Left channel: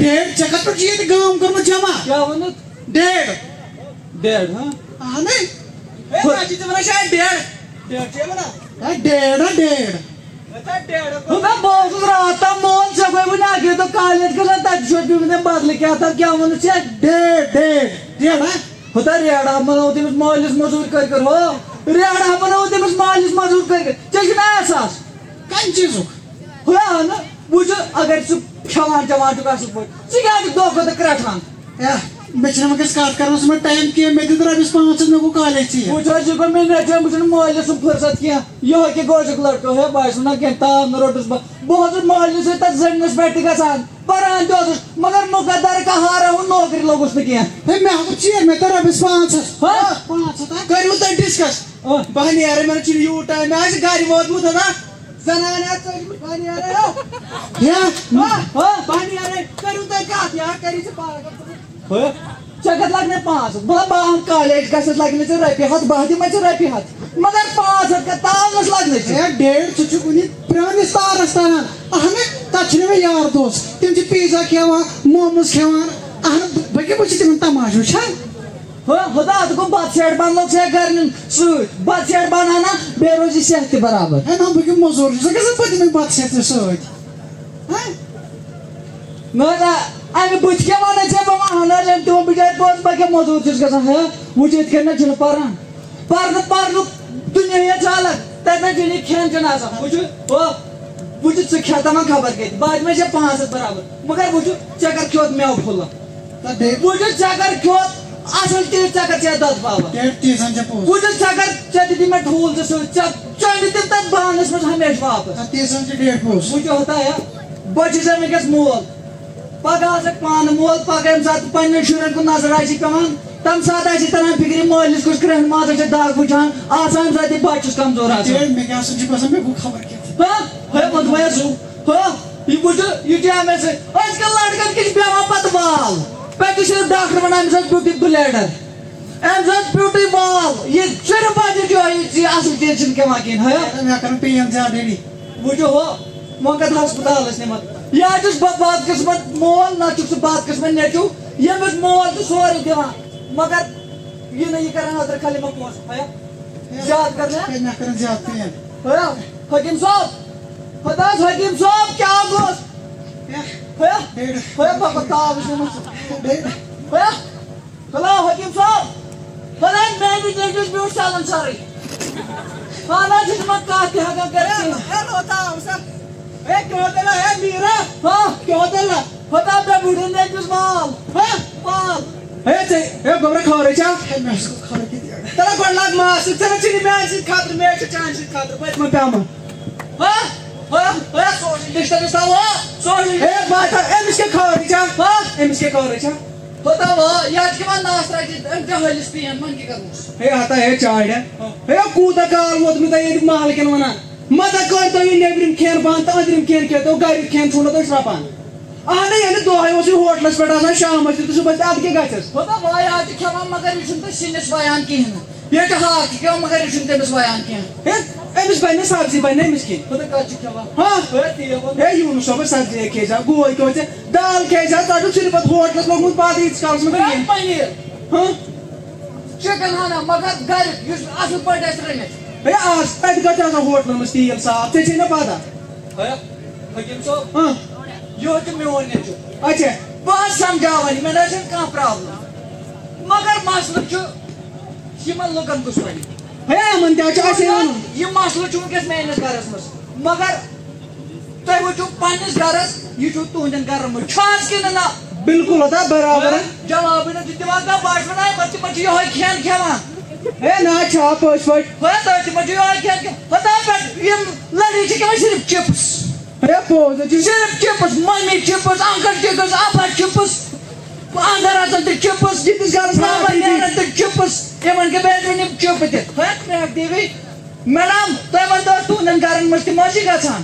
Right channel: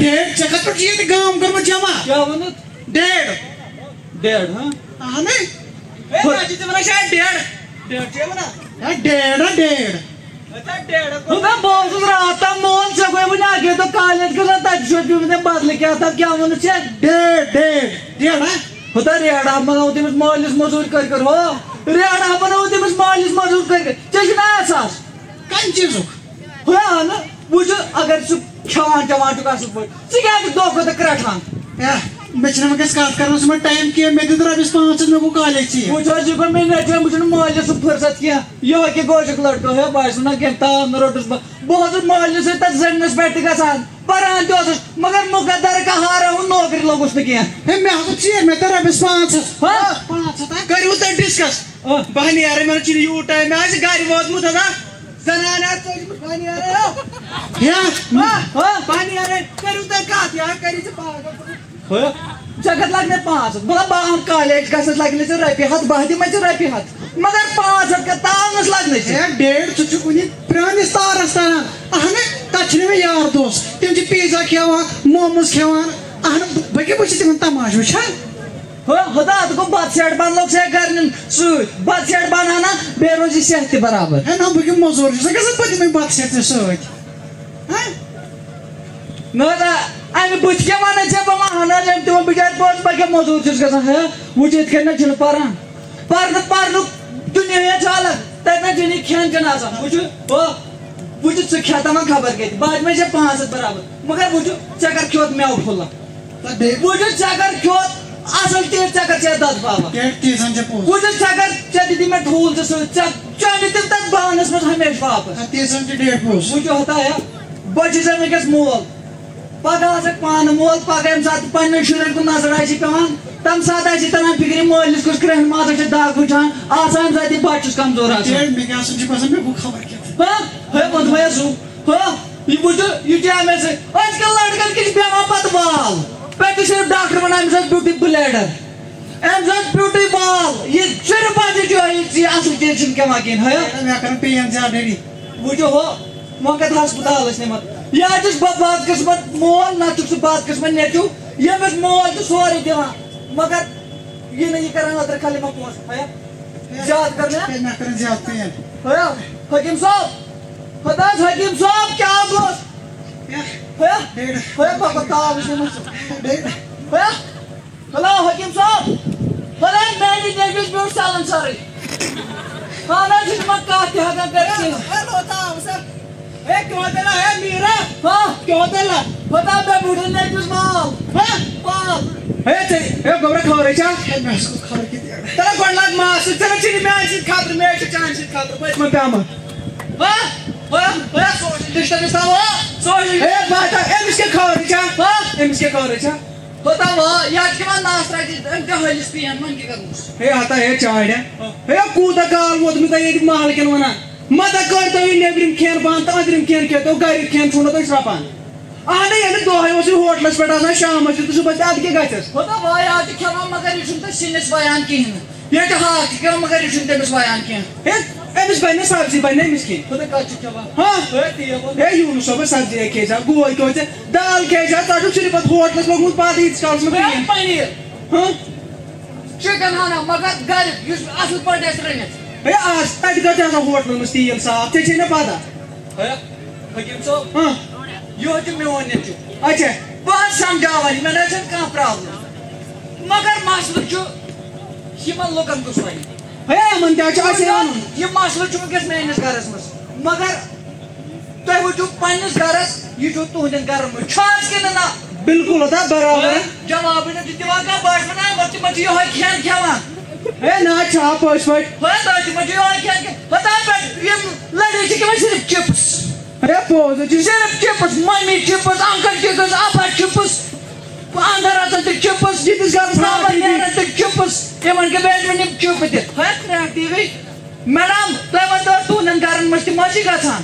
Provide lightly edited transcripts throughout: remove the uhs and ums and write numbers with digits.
ڈیڑھ ژےٚ کتھ پٮ۪ٹھ چھُ ییٚتہِ گام کوٚرمُت جمع کیٛاہ ووٚنُت ڈیڑھ ڈیڑھ ہاں اہنٕے ژٕ تہِ وَنان شاید ڈیڑھ ڈیڑھ چھے وَنان ڈیڑھ ڈیڑھ میں بہت رات تام مون ژےٚ گوٚے وٕنہِ اَکے دۄہ کالج گژھان تَتہِ چھُ پیوٚمُت بدلہٕ کیٛاہ تام کیٛاہ ووٚنُتھ ژےٚ ڈیڑھ ڈیڑھ ڈیڑھ ہا ہوتا ریڑا بناو تٔمِس مٲلِس موٚزوٗرۍ کٔرۍ کٔرۍ ہو ریڑا بناو تٔمِس مٲلِس موٚزوٗرۍ کٔرۍ کٔرۍ ژےٚ چھُنا احساس کَمہِ چیٖزُک ہو نہٕ وٕچھ اگر ژٕ کھٮ۪وان چٮ۪وان چھُکھ اَصٕل پٲٹھۍ ژٕ کیٛازِ چھُکھ دۄہ کھۄتہٕ دۄہ کرٛٮ۪ٹھان مےٚ چھِنہٕ وٕنکٮ۪س کتھ کرنس منٛز ٹایم کینٛہہ مےٚ دیُت رۄپیس 500 مےٚ گوٚو کالیج ژیر وٕچھ حظ یہِ گوٚو مےٚ نیٚچوٮ۪ن بہٕ چھُنہٕ مٲلِس سُنٛد فٕرصت کینٛہہ یِہوے کہِ گوجُک لڑکہٕ ہے بہٕ آسہٕ نہٕ کینٛہہ تام نہٕ روٚٹُس بہٕ اوسُس مٲلِس سۭتۍ تتھ زٔمیٖنس پٮ۪ٹھ تہِ گژھان پران تہِ اوسُس مگر مُقدر کہارا ہُنٛد نوکری لوٚگُس نہٕ کینٛہہ ہے مےٚ ہسا ژیر مےٚ تہِ رۄپیس 500 کٔرِو تُہۍ ڈِسکس بہٕ نیرٕ مےٚ چھُنہٕ یوٗت ٹایم مےٚ آسہِ گرِ ووتمُت ہا زنانہِ آسہِ ژٔجمٕژ بہٕ نیرٕ بہٕ نیرٕ کٔرِو تُہۍ کتھ یا کٔرِو ژٕ پاگل ژےٚ کتھ لگنے 500 بہٕ بہٕ کالیج گژھنس لگنے ژےٚ رۄپیہِ ہتھ بہٕ دِمے ژےٚ رۄپیہِ ہتھ مگر 500 کتھ تاونس لگنے ژےٚ ڈیڑھ ژٕ چھُکھ وُنہِ پرٛٲنِس تارس تران اہنہٕ تتھ چھِنہٕ مےٚ یار دوس تِم چھِ پیٖزا کھٮ۪وان موموز کھٮ۪وان اہنہٕ بہٕ کیٛاہ وٕچھِ تِمن تماشہٕ وٕچھان خدا اتھ گوٚو بتہٕ سیٹ بنلوگ ژےٚ گرِ نیُن سۭتۍ بتہٕ سیٹ بنانا بیٚیہِ روزِ صحت تہِ برابر ہے نہ بہٕ کیٛاہ موٚزوٗر چھُس گژھان بہٕ دِمے بتہٕ سیٹ ژےٚ سۭتۍ نہ حظ امہِ بٕتھِ کیٛاہ ونے ژےٚ بہٕ ونہٕ حظ أمۍ تہِ ووٚن بِچارِ پوٚز بہٕ کیٛاہ موٚزوٗر چھُس گژھان ہے وٕچھ یِتھ کٔنۍ نہ چھُنہٕ پران پرنُک دُنیا چھُ الگ تتہِ نہ چھُنہٕ یہِ کھٮ۪ن چٮ۪ن آسان وٕچھ وٕچھ ژٕ کھٮ۪تھ وۄنۍ خبر کتہِ بہٕ دِمے ژےٚ 500 برابر مگر وٕچھ ژےٚ کر کھیوٚت میوٕ پھوٚلہ وٕچھ ژےٚ کر کھیوٚت اصل تیٖر ژےٚ کر ژےٚ دۄد پاوا وٕچھ ژےٚ کر ژےٚ دِتی مےٚ ٹھوٗل تہِ سۭتۍ ژےٚ دِتِم تتھ بانس منٛز ہمیشہٕ واپس وٕچھ ہوتا ہے بہٕ چھُس وٕنکیٚس مول پگہہ آسکھ پانہٕ مول پگہہ ییٚمہِ ساتہٕ پننٮ۪ن شُرٮ۪ن کُن نظر آسہِ پیوان تمہِ ساتہٕ آسہِ تران فِکرِ مٲلِس کُس کرٛٮ۪ہنہِ مازَس چھِ دگ وٕچھان آسان ییٚمہِ ساتہٕ یہِ بچہٕ چھُس کمزور آسان ہے ووٚنمَے سُہ یہِ وٕچھ یہِ چھُ مےٚ سۭتۍ أزکٮ۪ن لڑکن کِتھ بیٚہوان پتہٕ بال پتہٕ چھُ صرف ڈاکٹر ونان أمِس ٲس بیوٗٹی بلیڈر أمِس ٲس بیوٗٹی بال یہِ صرف پتہٕ یہِ اصل چیٖز چھُنہٕ کھٮ۪وان کِہیٖنۍ وٕچھو ہو وۄنۍ کتھ ہسپتال ٲسۍ نِمت یا چھُس بہٕ بد قٕسمت مول نہ چھُکھ ژٕ بد قٕسمت نیٚچوٗ ییٚمِس مول چھُ سورُے دِوان مگر یہِ نہٕ یہِ کران أدرٕ کھلہِ مہ پونٛسہٕ زیادٕ کرنا حکیٖم صٲب خۄدا حکیٖم صٲب کیٛاہ گوٚژھ ہیلو حکیٖم صٲب خۄدا میانہِ نیٚچوِس بیوٗٹھ سالن سرٕے خانہ چھُنہٕ وۄنۍ کتھ تہِ ہٮ۪کان کٔرِتھ خۄدا مےٚ بوٗٹھن نیٚچوِس مال گۄبرا خبرے چھا تَلہٕ گۄڈٕ لاگ ماس سۭتۍ ژٕ چھُنہٕ میانہِ سۭتۍ خطرٕ مےٚ چھُ چانہِ سۭتۍ خطرٕ پٔتمہِ پیٚمہٕ أمِس کیٛاہ خبرے چھا أمِس کیٛاہ خبرے چھا خۄدا یا چھِ وۄنۍ ناس ترٛٲوِتھ أمۍ کیٛاہ ہٲلِس پین وۄنۍ کیٛاہ کرہوس ہے ہتا ہے چاڑ ہے کوٗتاہ کال ووتمُت تۄہہِ ییٚتہِ محلہٕ کٮ۪ن ونان متا کٔرۍتو یہِ نیٚبرِم کھٮ۪ن بنٛد تہٕ أنٛدرِم کھٮ۪ن کھٮ۪تو گریُک کھٮ۪ن ژھُنو تۄہہِ شرٛپان اہنُے ییٚلہِ دۄہے اوس یہِ ہوٹلس پٮ۪ٹھ آسان شامس تہِ تہٕ صُبحس تہِ اَدٕ کیٛاہ گژھٮ۪س خۄدا وای آز چھِ کھٮ۪وان مگر یہِ چھُنہٕ تۄہہِ سِنِس وایان کِہیٖنۍ نہٕ ییٚتہِ چھِ ہاکھ تہِ کھٮ۪وان مگر یہِ چھُنہٕ تٔمِس وایان کینٛہہ ہے أمِس بنہِ نہٕ سبزی بنہِ نہٕ أمِس کھیٚنۍ خۄدا کَتھ چھُ کھٮ۪وان ہے یوٗنُس صٲبس سبزی کھیٚے زِ گوے کھیوٚو ژےٚ دال کھیٚے زِ ژٕ چھُکھ صرف پتہٕ ہوٹلس لوگمُت پتہٕ ییٖتِس کالس منٛز پنیٖر چِکن ہنا مگر گریُک یُس اصل پٲٹھۍ آسہِ رٔنِتھ ہے آز تتہِ کتہِ چھُ آسان ہوٹلن منٛز تیٖل صاف ژےٚ چھے نہ پتہ حکیٖم صٲب یِہوے چھُ میون نیٚچوٗ اچھا بہٕ حظ سمجاوان مےٚ نہ چھنہٕ کانٛہہ پرابلم مگر مسلہٕ چھُ یِمن لُکن کُس وَنہِ ہے یِمن تہِ حظ چھُ اَسے وَنُن یہِ مسلہٕ چھُ وٕنکیٚس میٲنِس گرس منٛز مگر تُہۍ وٕچھِو پننِس گرس یہِ چھُ تُہنٛدٮ۪ن گرن منٛز چھُ حظ کِنہٕ نہ بالکل ہوتا برابر جوابٕے نہٕ چھُ دِوان کانٛہہ بہٕ حظ وَنان تِمن چھُ یِہوے کھٮ۪ن کھٮ۪وان ہے نہ چھا پٔزۍ پٲٹھۍ تۄہہِ تِمن چھُ یِہوے کھٮ۪ن کھٮ۪وان یِم لڑی چھِ کھٮ۪وان صرف چپس ہے پوٚز حظ چھُ صرف chips mummy chips uncle chips ابا چپس اندر اژان تہِ چپس ییٚتِس گرس نیران تہِ چپس یِمن کیٛاہ بیٹرِ یِم چپ تہِ کرٛیک ٹی وی میڈم تُہۍ ؤنۍتو تُہنٛدٮ۪ن گرن منٛز تہِ ما چھِ گژھان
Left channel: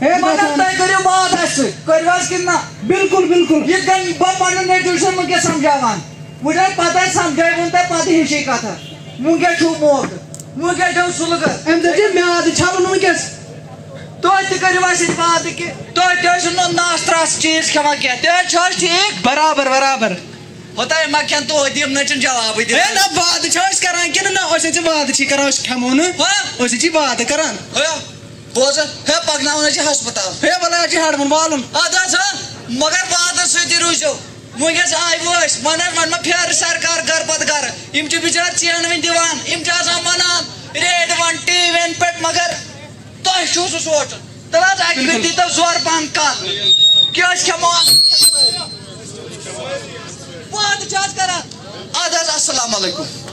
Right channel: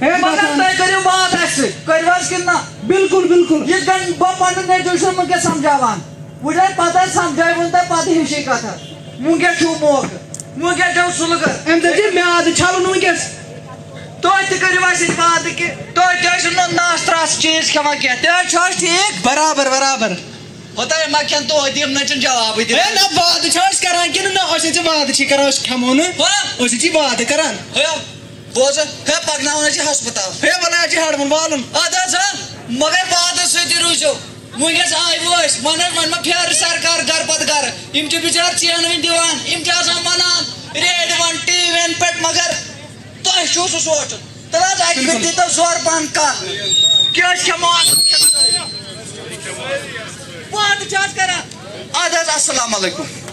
تُہۍ کٔرِو بات اَسہِ سۭتۍ کٔرِو حظ کِنہٕ نہ بالکل بالکل یِتھ کٔنۍ بہٕ پنُن نیٚچوٗ چھُس وٕنکیٚس سمجاوان وٕچھ حظ پتہٕ حظ سمجٲوُن تۄہہِ پتہٕ ہِشی کتھ وٕنکیٚس چھُو موقعہٕ وٕنکیٚس چھُو سُلہٕ اَمہِ سۭتۍ چھُ میادٕ چھلُن وٕنکیٚس تُہۍ تہِ کٔرِو اَسہِ سۭتۍ وعدٕ کہِ تُہۍ تہِ ٲسِو نہٕ ناس ترٛاوان مس چیز کھٮ۪وان کینٛہہ تہِ حظ چھُ حظ ٹھیٖک برابر برابر ہوتا ما کھٮ۪ن توتہِ یِم نہٕ چھِنہٕ جوابٕے ہے دِوان نہ وعدٕ چھِ أسۍ کران کِنہٕ نہ أسۍ چھِ وعدٕ چھی کران أسۍ کھٮ۪مو نہٕ أسۍ چھِ وعدٕ کران ہے بوز ہے پکناوان حظ چھِ ہسپتال ہے ولا چھِ ہڑوُن والُن اد حظ مگر وعدس سۭتی روٗزِو وٕنکٮ۪س آے وٲسۍ وۄنۍ حظ وۄنۍ ما پھیرٕ سرکار گرٕ پتہٕ گرٕ یِم چھِ بِچار چینہٕ وٕنۍ دِوان یِم چھِ آسان ونان ریڈوَن ٹی وی ین پٮ۪ٹھ مگر تۄہہِ چھُو سُہ سونٛچُن تیٚلہِ حظ اکہِ پھِرِ دیٖتو زورٕ پہم کتھ کہِ أسۍ کھٮ۪مو وعدٕ چھِ حظ کران اد حظ السلام علیکُم